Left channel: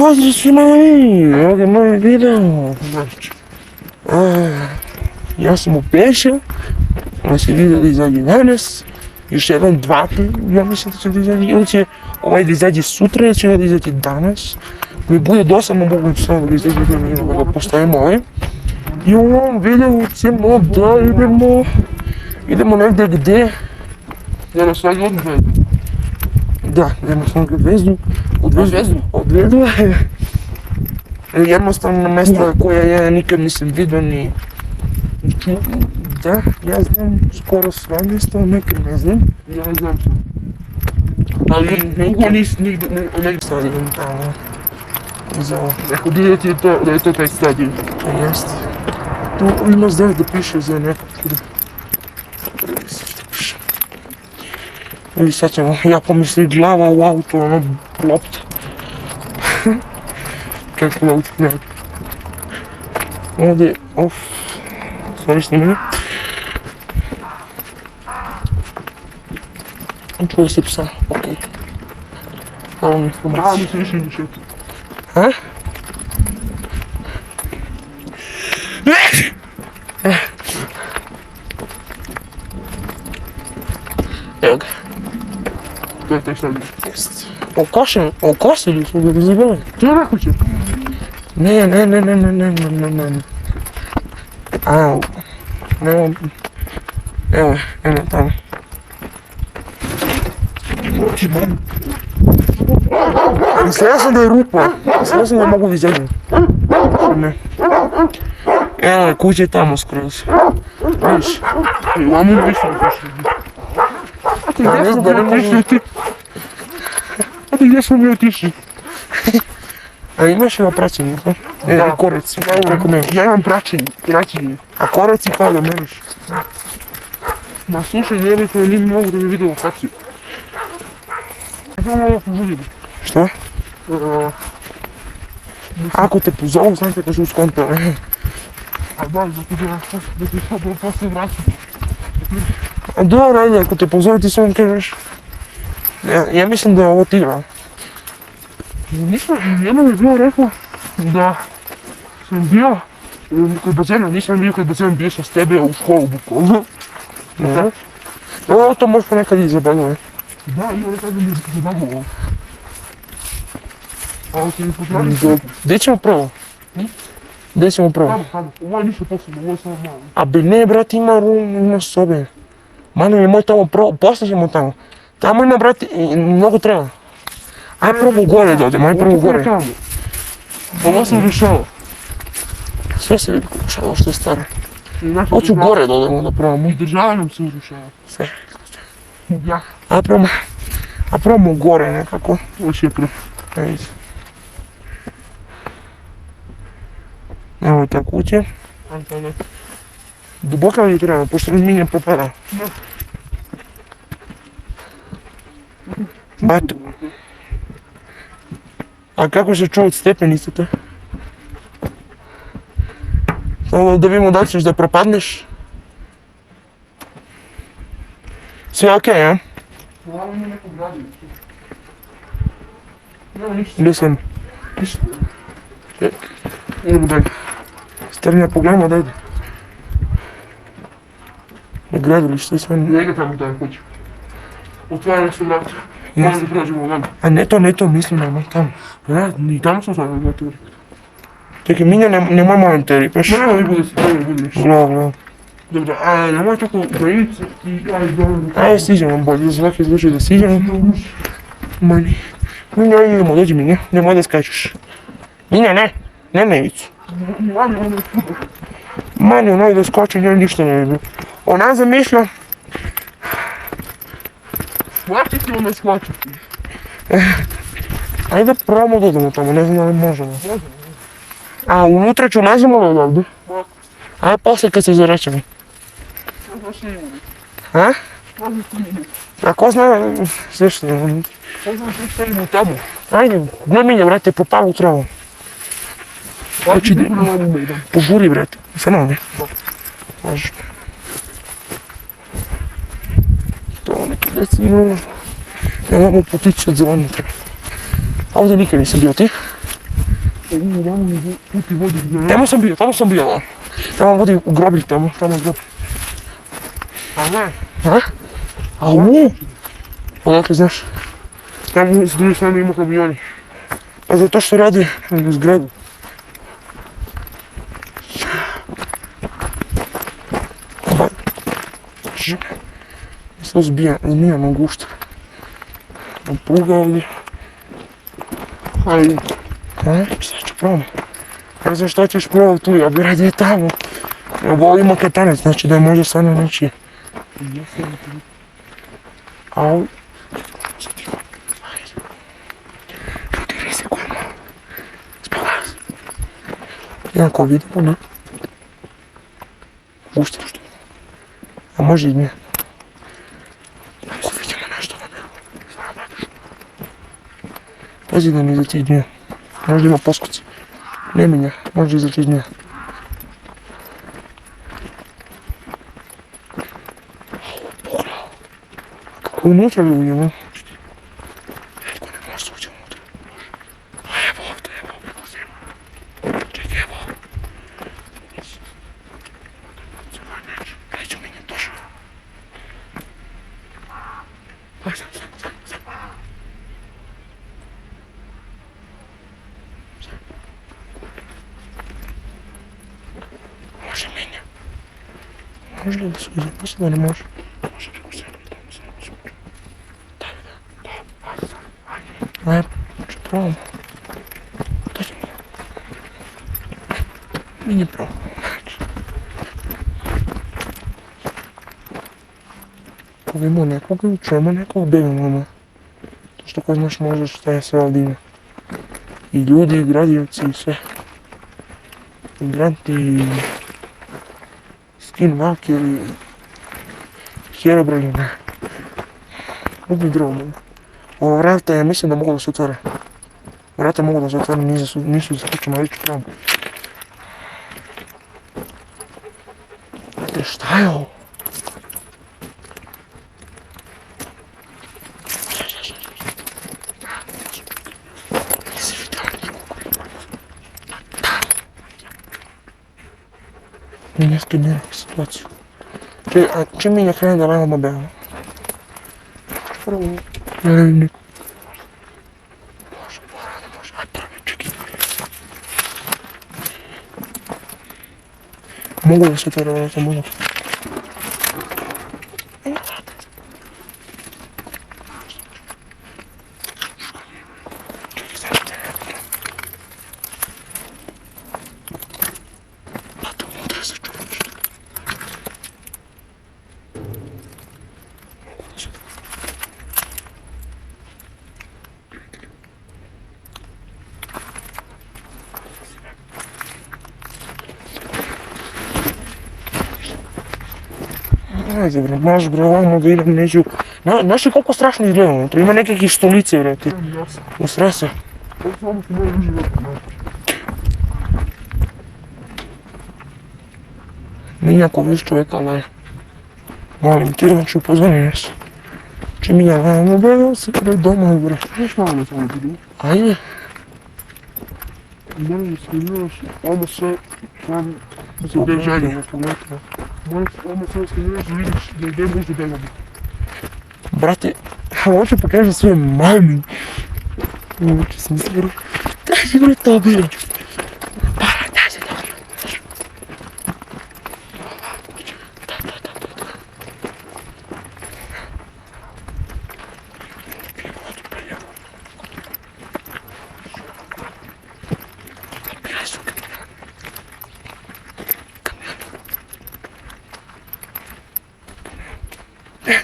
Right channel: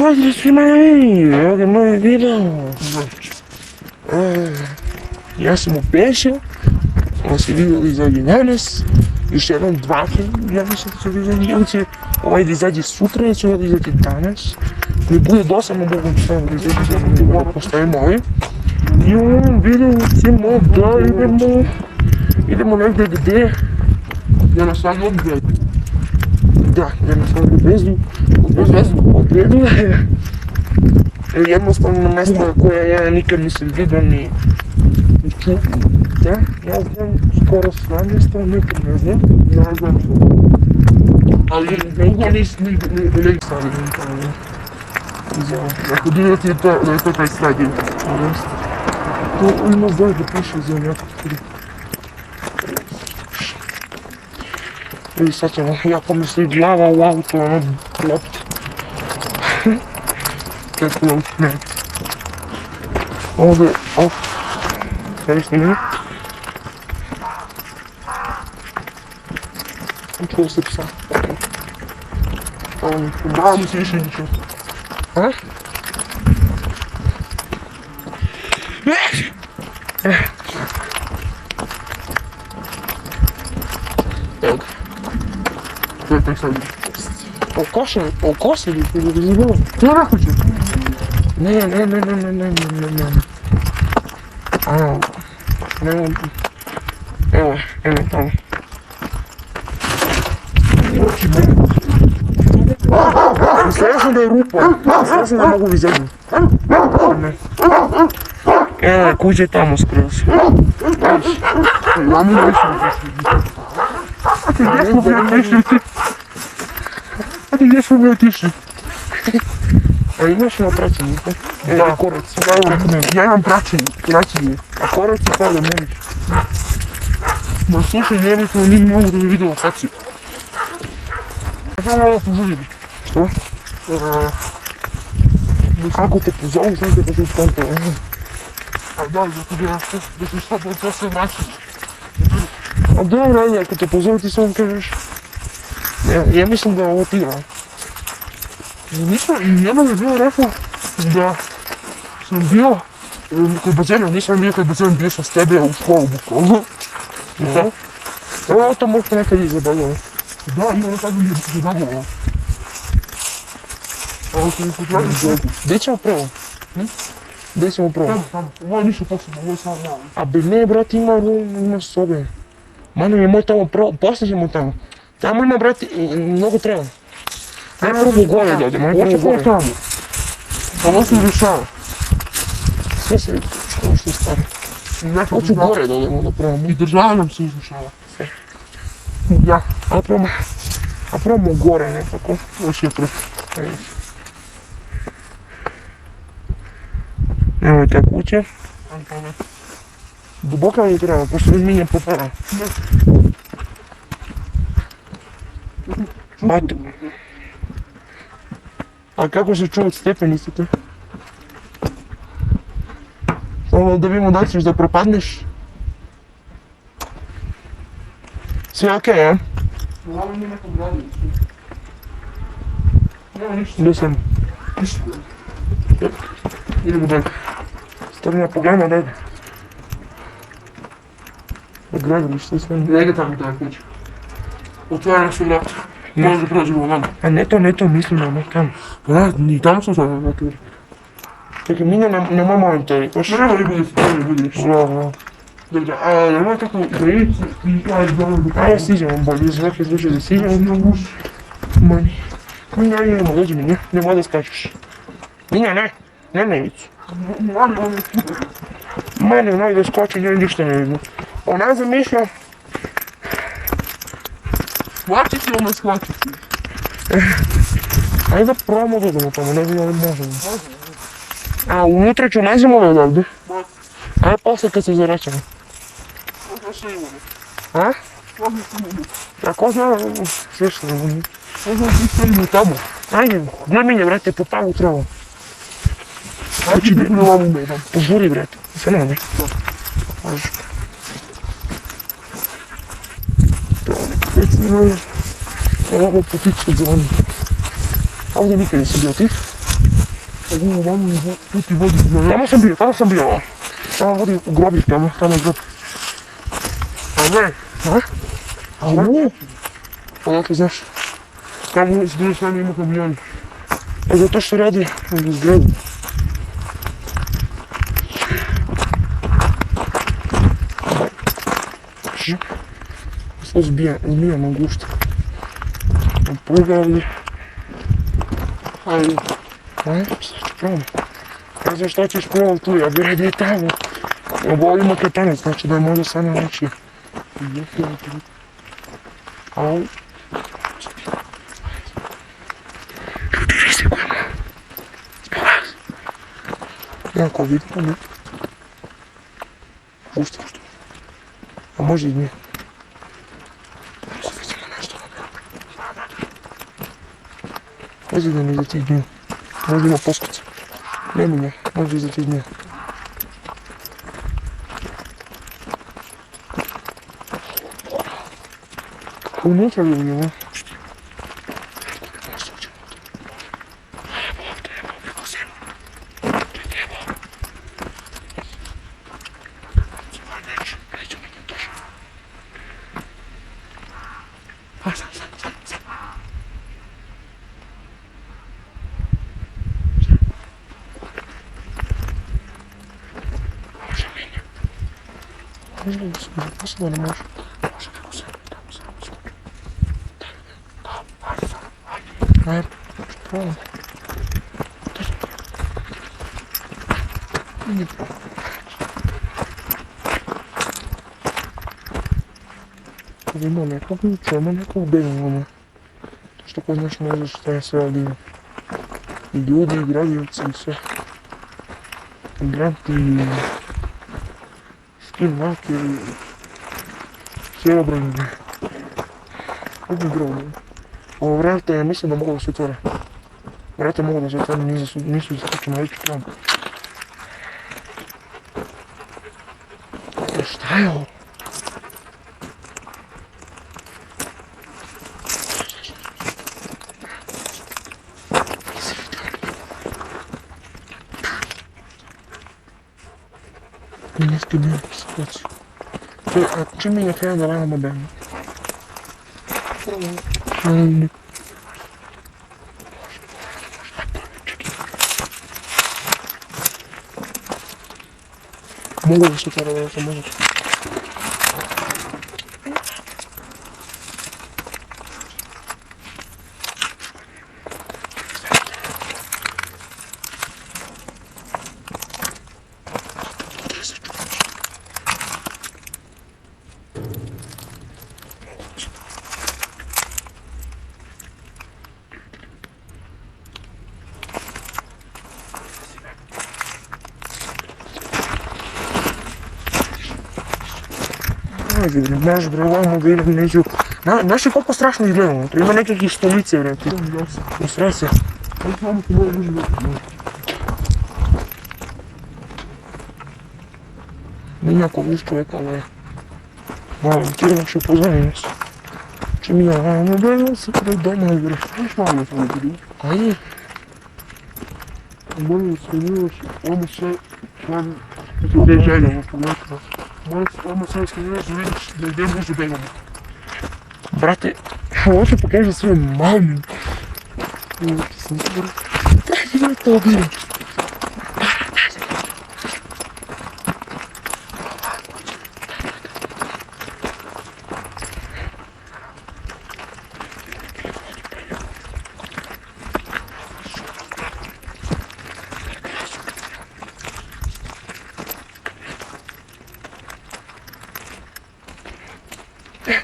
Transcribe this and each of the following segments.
Pozdrav svima na meni, ovdje moj video. Ja sam u Peša, ja sam video da izađe danas, još jednom dva, ja mislim da će da izađe, ili će ovaj da izađe sutra, ili će ovaj da izađe danas. Mi bude dosadno moguće samo da izađe da postavimo ovaj. I u ovom videu ćemo da idemo negdje gdje na svoj odgled. Da, idemo svoj odgledu. Jednostavno mjesto koje ja nikad nisam vidio ni čuo. Da, ja znam skoro sva mjesta, nekad ne znam. Ja znam. Ali nigdje nisam stavio tamo. Ako vidjeti da je to taj stadion. Jeste. Tu ima zdaj da piše za nekog. I sad ćemo, ja pomisli glava u auto, ono, lopta. Kako je ne. Ovdje, stvari snimanje. Čuje se psa, okej. Da, mi se više ne čuje. A? Evo ga. To je taj stadion. Okosili smo ga razumeli. To je nakuće. Ne. Au. Ne. Evo tamo. Mislila sam da je rupa. Mislila sam da mogu da izađem. Evo, kuća je tamo skroz. Viš, mamu nisam gdje smo mi otišli? A imaš li praćenje? Da, korac. Ja imam praćenje. A koraci pada meniš. Ma slušaj, jednostavno nije mogu da mi vidio kaci. Ja sam malo požudim. Šta? Ako te pozovu, znam te požu skonta. A da, zato da ti sad posle vraćam. A dobro, ajde, ako te pozovu ti samo kažeš. Ja mislim da je ovo tigra. Njema mi je bilo rekao da sam bio kod bazena, nisam bio kod bazena, bio sam s tebe u školu bukvalno. Ovo to možete nekad i zabavljati. Da, ja nekad mi je zabavljalo. Gdje ćemo prvo? Gdje ćemo prvo? Tamo, ovo je ništa posebno, ovo je samo malo. A bi ne, brat, ima sobe. Mane mi moj tamo prvo, poslije ćemo tamo. Tamo ima, brate, mnogo treba. Aj prvo gore da odem, aj prvo gore. Ovo se urušava. Sve se vidi urušava, što je staro. Hoću gore da odemo da pravimo. I država nam se urušava. Sve. Ja. A pravimo gore nekako. Još je prvo. Evo je ta kuća. Duboka li treba, pošto razminjem prepara. Eto. A kako se čuo od stepenice to? Samo da vidimo da ćeš da propadneš. Sve okej, a? Ovo ima neko gradilište. Nema ništa. Gdje sam? Ništa. Idemo dalje. Strnja pogledamo da ide. Gradilište sve. Njega tamo to je kuća. Otvara se vrata. Možda prođemo nama. A ne to, mislim da tamo. Da, i tamo sam sada vratu. Čekaj, Minja, nemoj molim te ripaš. Ne, ali bude se tebi budiš. Bravo. Dobro, a nemoj tako projici i aj dobro. Ajde, stižemo bolje, za neke slučaje da stižemo. Mani. Minja, idemo, dođi Minja, nemoj da skačeš. Minja, ne, nemoj ići. Mani, onaj da skačem, ja ništa ne vidim. Ona zamišlja. Shvatiti ono shvatiti. Ajde da probamo da idemo tamo, ne znam da li možemo. A unutra ću nađemo odavde. Ajde posle kad se zaračemo. A? A ko zna sve što je. Možda ti stojimo tamo. Ajde, ne minja vrate, po palu travu. Znači da požuri vrate, sve nam ne. Važi. Treba neki deci, ne. Imamo potiče od zvonika. Ovdje nikad nisam bio ti. Tamo sam bio. Tamo vodi u groblje, tamo je grob. A ne? A? A ne? Odakle znaš? Tamo s druge strane ima kamioni. A zato što radi u zgradu. Sve zbija i nije mogućno. Pogledaj. Ali... Šta ću probam? Ne znam šta ćeš probati tu, ja bi radio tamo. Nego ima katanec, znači da može stvarno neći. Ali... Ljudi rizikujemo. Spavali. Jako vidimo, ne? Pušta što? A može i ne. Ako vidimo nešto na bilo. Pazi da mi za tih dnja. Možda ima poskuca. Nema ga, možda za tih dnja. Kako unutra ljudi, ne? Može li da se zaposla ili može? Može preko sebe, tamo sam. Ajde, ću probam. Nije probam. Ako imamo nekog ključa, ima nekog bedima, ne? To što ko znaš može šta je sve ovdje ima. I ljudi, i gradioci, i sve. Migranti, i... Skinaki, i... Herobrine, ne. Ovdje je drvo, ne. Ovo vrata ja mislim da mogu da se otvore. Vrata mogu da se otvore, nisu zaključena, već probam. Šta je ovo? Mi nešto nije situaciju. A čim mi ne krene da levamo bevamo? Ne. Mogu da se otvore vrata, mogu. Ajde bre, znaš bre, ovamo da idem neću... Znaš li koliko strašno izgleda unutra, ima nekakvih stolice bre tu. Usre se. Nijako viš čovjeka, ali... Molim ti, znači upozvoni nas. Če mi je vamo bre, se kada doma bre. Znaš na ono samo bre? Ajde. Molim se, nemaš, vamo sve... Gdje je želje? Molim se, vamo sve skaniraš da vidiš gdje je blizu Beljana. Brate, hoću pokažem svoje mami. Uči sam se bre. Daj se bre to bre. Daj se bre.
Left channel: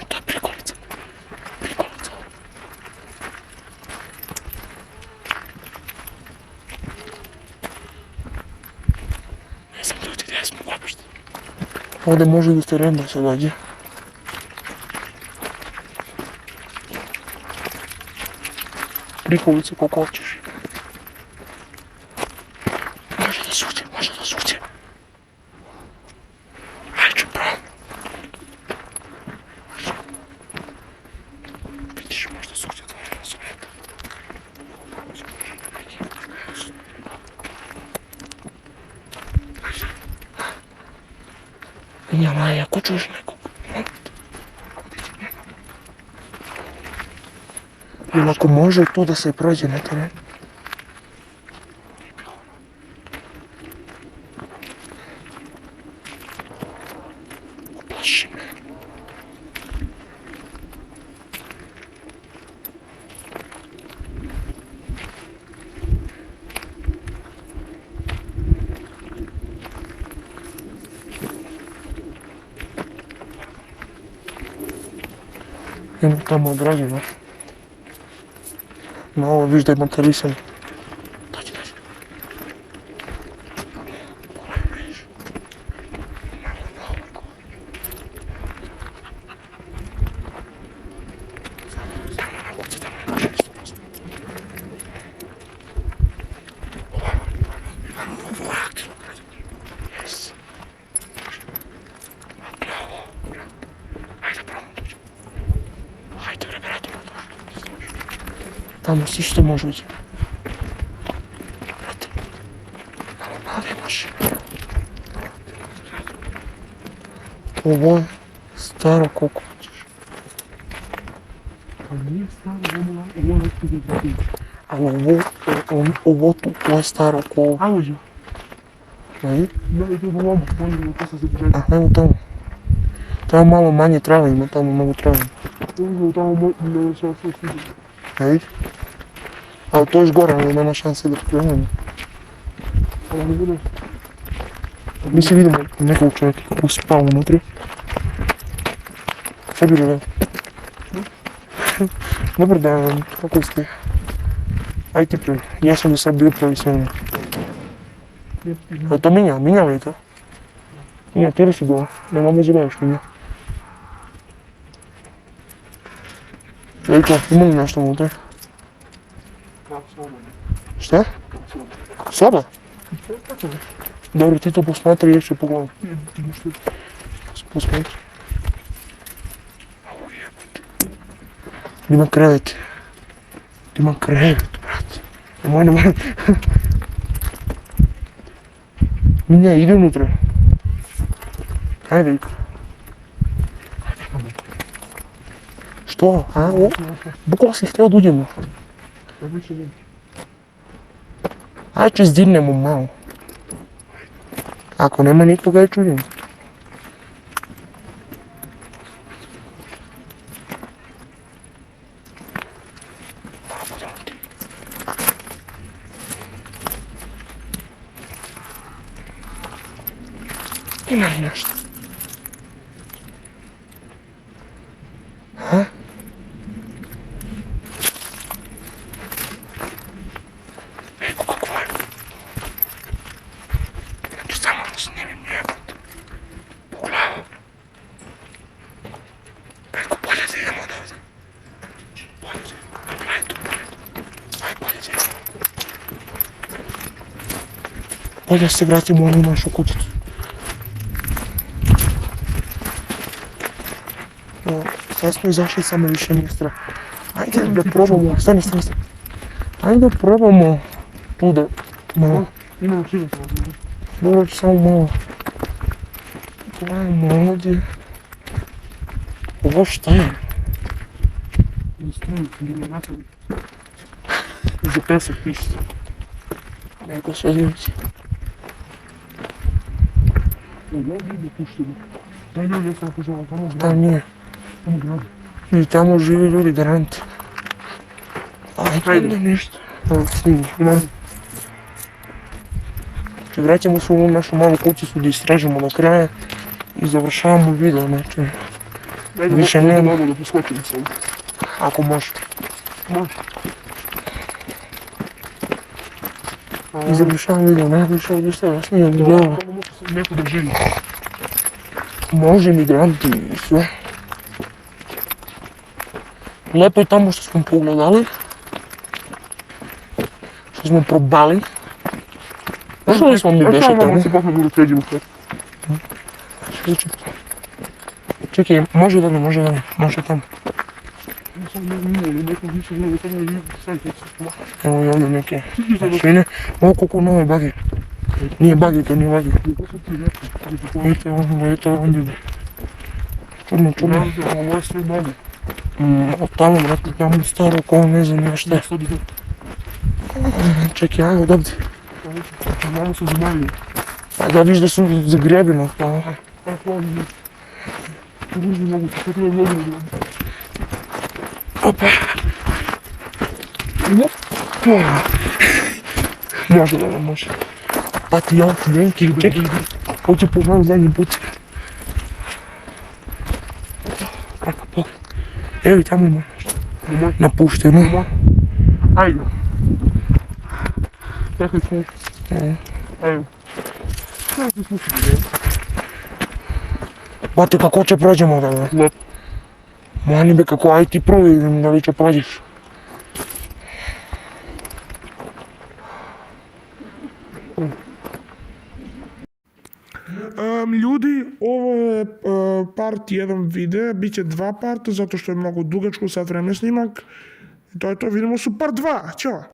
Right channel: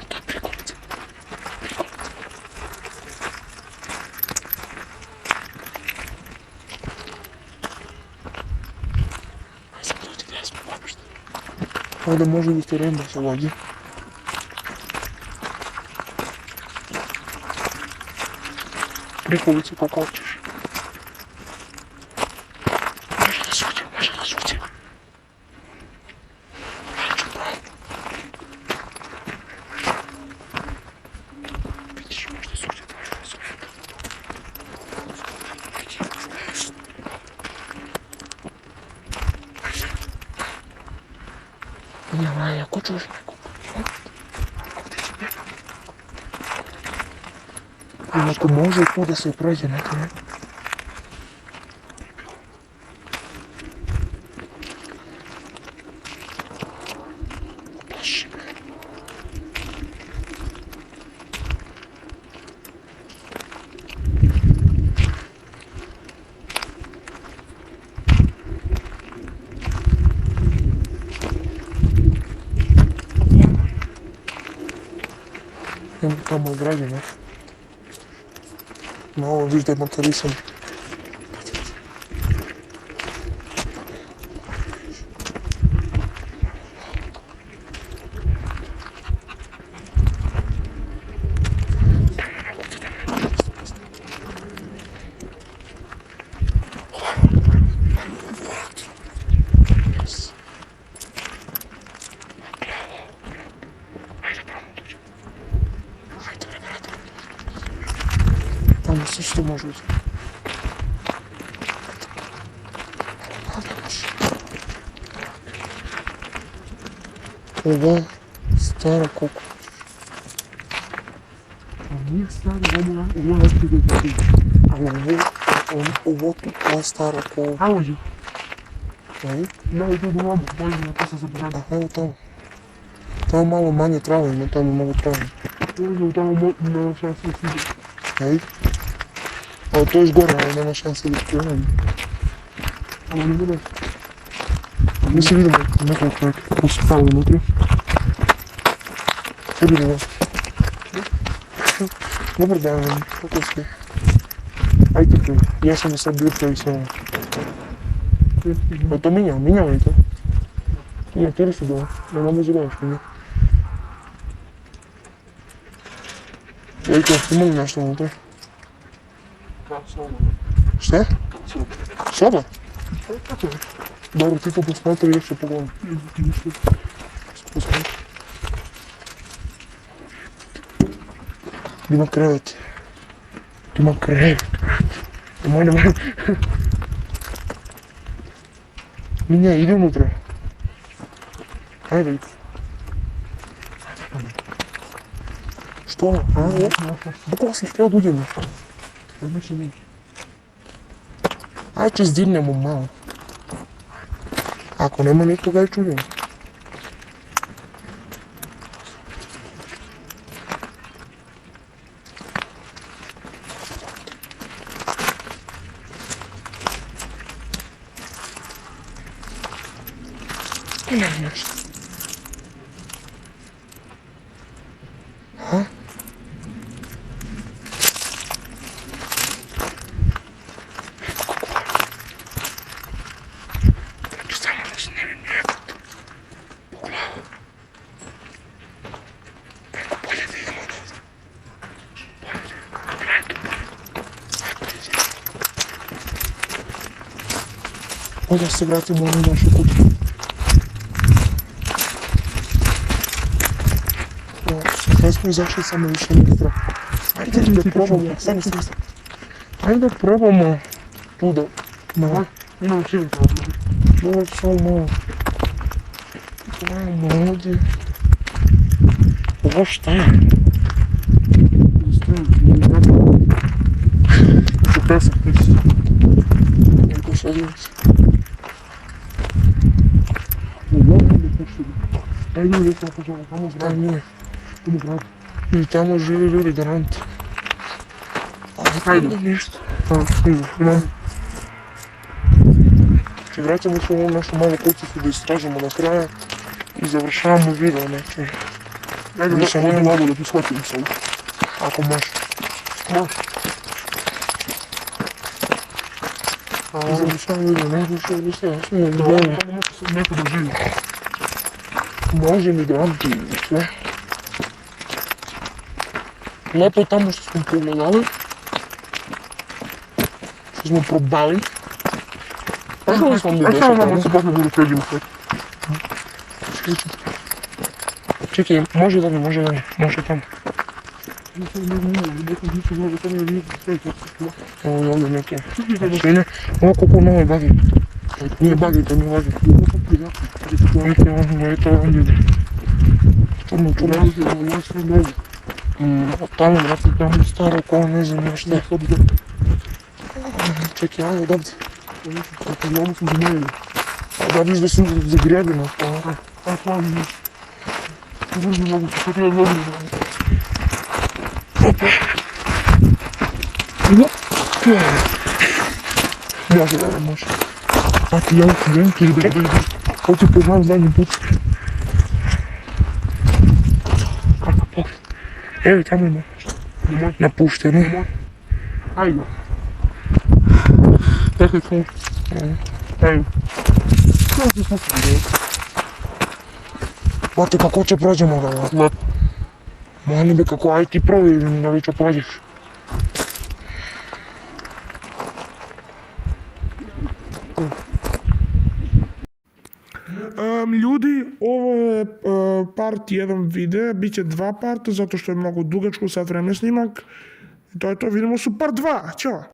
To je prikolica. Ne znam ljudi, ne znam uopšte. Ovdje može da ste render se dođe. Prikolica koliko hoćeš. Može da suđe, može da suđe. Ajde ću probam. Vidiš, možda suđe, može da suđe. Няма, ако чуш neko. Ili ako može tu da se prođe na teren. Plaši me. Ima tamo građeva. No, ovo viš da je motorisan. Tamo si što može ući. Ovo je staro koliko hoćeš. Ovo nije staro, ovo je nešto da ti. Ali ovo tu je staro koliko. Ajmo ju. Ajde. Daj tu do obu, molim da se zabrati. A evo tamo. Tamo malo manje trave ima, tamo mnogo trave. Ovo tamo nema šanse da se Ajde. Ali to još gore, ali nema šanse da krenemo. ali ne bude. Mi se vidimo nekog čovjeka koji se tamo unutra. Sad bilo vas. Dobar dan, kako ste? Ajde prvo, ja sam do sad bio prvi s vama. A to Minja li je to? Minja, tere si bila, ne mamo zove što Minja. Ejko, ima li nešto unutra? Šta? Soba? Dobro, ti to posmatri, još ću pogledam. Posmatri. Ima krevet. Ima krevet, brate. Nemoj. Minja, ide unutra. Ajde, Iko. Što? A, bukvalo si htio da uđemo. Ajde, će zdirnemo malo. Ako nema nikoga, ja ću uđemo. Ima li nešto? Ha? Samo da snimim jebate. Pogledaj. Preko bolje da idemo odavde. Bolje. Gledaj tu bolje. Ajde, bolje. Bolje da se vratimo u ovu našu kuću. Ja smo izašli, samo više nije strah. Ajde da probamo, stani. Ajde da probamo tu da... Imam širi problem. Dobro, samo malo. Gledajmo ovdje. Ovo šta je? Za pesak piše. Neko se odjeći. Ne puštimo. Daj ljudi tako žele, tamo Tam zgrade. nije. Tamo zgrade. I tamo živi ljudi, garanti. Ajde nešto. Imam. Vraćamo se u ovu našu malu kućicu da istražimo do kraja i završavamo video neke. Ajde Više da nema. ovdje da poskočim se. Ako može. Može. I završavamo video, najviše ovdje sve, ja sam jedan djelo. Tamo može se neko da živi. Može migranti i sve. Lepo je tamo što smo pogledali. Što smo probali. Pošli smo mi A šta vam deset. se posle budu pređi u sve? Čekaj, može da li, može tamo. Evo i ovdje neke mašine. Ovo koliko nove bagi. Nije bagi, to nije bagi. Ето он ide. Čudno. Tamo, brate, tamo staro koje ne znam nešto. Čekaj, ajde, dobiti. A da viš da su zagrebeno. Opa. Može, da može. Pa ti ja klijenki, čekaj. Hoću pogledam zadnji put. Tako, pogled. Evo tamo ima. Napušteno. Ajde. Čekaj tu. Ajde. Kako se slušati? Bate, kako će prođemo da? Lep. Mani be, kako, aj ti prođi, da li će prođeš. Ljudi, ovo je part 1 videa, bit će 2 parta zato što je mnogo dugačko sad vreme snimak. To je to, vidimo se u part 2, ćao!